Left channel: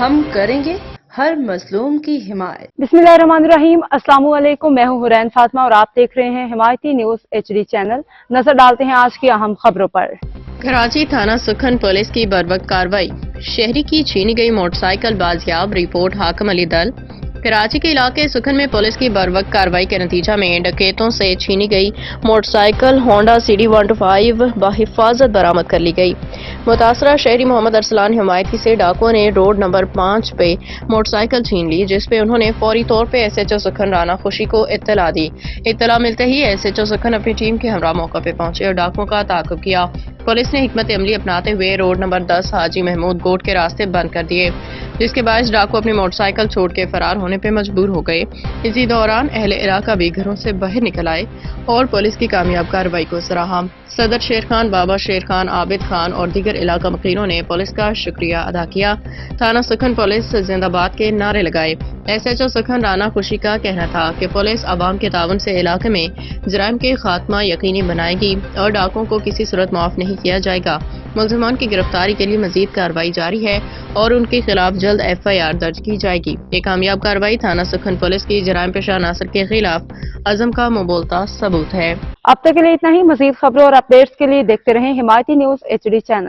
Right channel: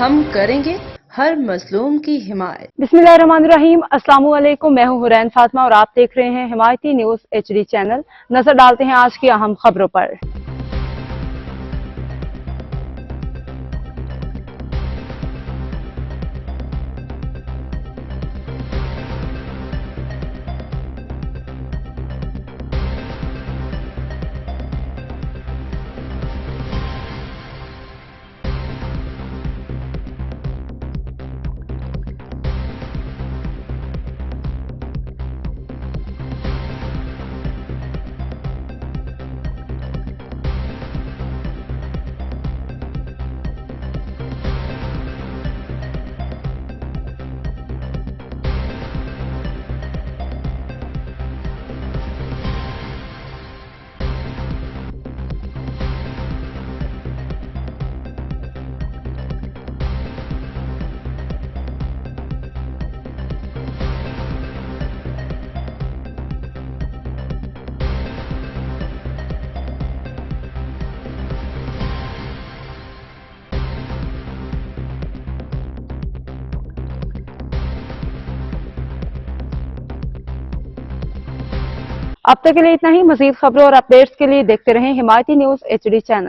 ہم کریں گے ہر مظلوم کی حمایت۔ بسم اللہ الرحمن الرحیم، السلام علیکم، میں ہوں حرین فاطمہ اور آپ دیکھ رہے ہیں حمایتی نیوز HD چینل۔ نظر ڈالتے ہیں آج کی اہم خبروں پر۔ کراچی تھانہ سکھن پولیس کی بروقت کارروائی، شہری کی چھینی گئی موٹر سائیکل بازیاب، رپورٹ حاکم علی دل۔ کراچی کے علاقے سکھن میں پولیس کی بروقت کارروائی کے نتیجہ میں ڈکیتوں سے چھینی گئی موٹر سائیکل ہونڈا CD 125 بحفاظت برآمد کر لی گئی۔ متاثرہ شہری محمد ارسلان حمایتی سے ڈاکوؤں نے روڈ نمبر 5 پہ موٹر سائیکل چھین لی، جس پہ انہوں نے فوری طور پہ SHO سکھن رانا خوشی کو اطلاع دی۔ اطلاع ملتے ہی SHO سکھن اپنی ٹیم کے ہمراہ موقع پہ پہنچے اور ڈاکوؤں کا تعاقب کیا۔ پولیس نے حکمت عملی اپناتے ہوئے روڈ نمبر 10 حاجی محمود گوٹ کے راستے بند کر دیے، جس کے باعث ڈاکو اپنی موٹر سائیکل چھوڑ کے فرار ہونے پہ مجبور ہو گئے۔ اسی دوران اہل علاقہ بھی گھروں سے باہر نکل آئے اور پولیس کی کامیاب کارروائی کو سراہا۔ صدر شیر خان، بابا شیر خان، عابد خان اور دیگر علاقہ مقیروں نے پولیس کا شکریہ ادا کیا۔ تھانہ سکھن پولیس زندہ باد کے نعرے لگائے۔ SHO سکھن رانا خوشی کا کہنا تھا کہ پولیس عوام کے تعاون سے علاقے میں جرائم کے خاتمہ یقینی بنائے گی اور ڈاکوؤں کو کسی صورت معاف نہیں کیا جائے گا۔ ملزمان کی گرفتاری کے لیے مزید کارروائی جاری ہے اور ان کے خلاف جلد FIR درج کی جائے گی۔ یہ کامیاب کارروائی تھانہ سکھن پولیس کی جرائم پیشہ عناصر کے خلاف عزم کا مبولتا ثبوت ہے۔ اب تک کے لیے اتنا ہی۔ مزید خبروں اور اپڈیٹس کے لیے دیکھتے رہیں حمایتی نیوز HD چینل۔